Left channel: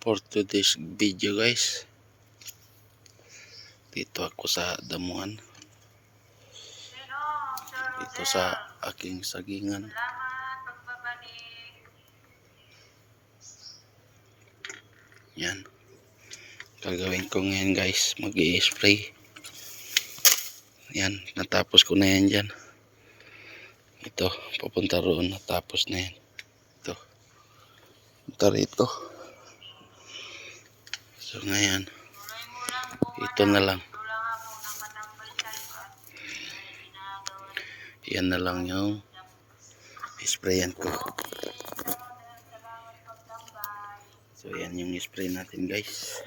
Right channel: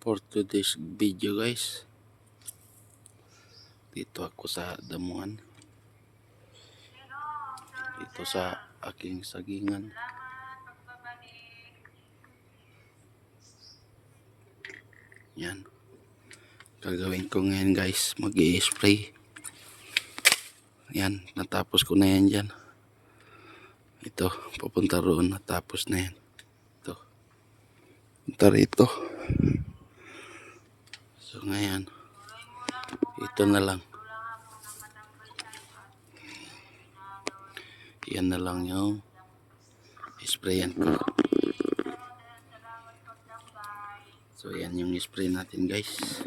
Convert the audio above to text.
For today's video guys, dito ako sa damuhan, dito sa aking sagingan. Yan, gagawin ko ngayon guys, mag-i-spray. Yan, natapos ko na yan dyan. Ito, papunta roon, natapos na yan. Ito, punta rito. So ngayon, ito na lang. Yan na lang yung sprayan ko. So yan yung spray natin guys.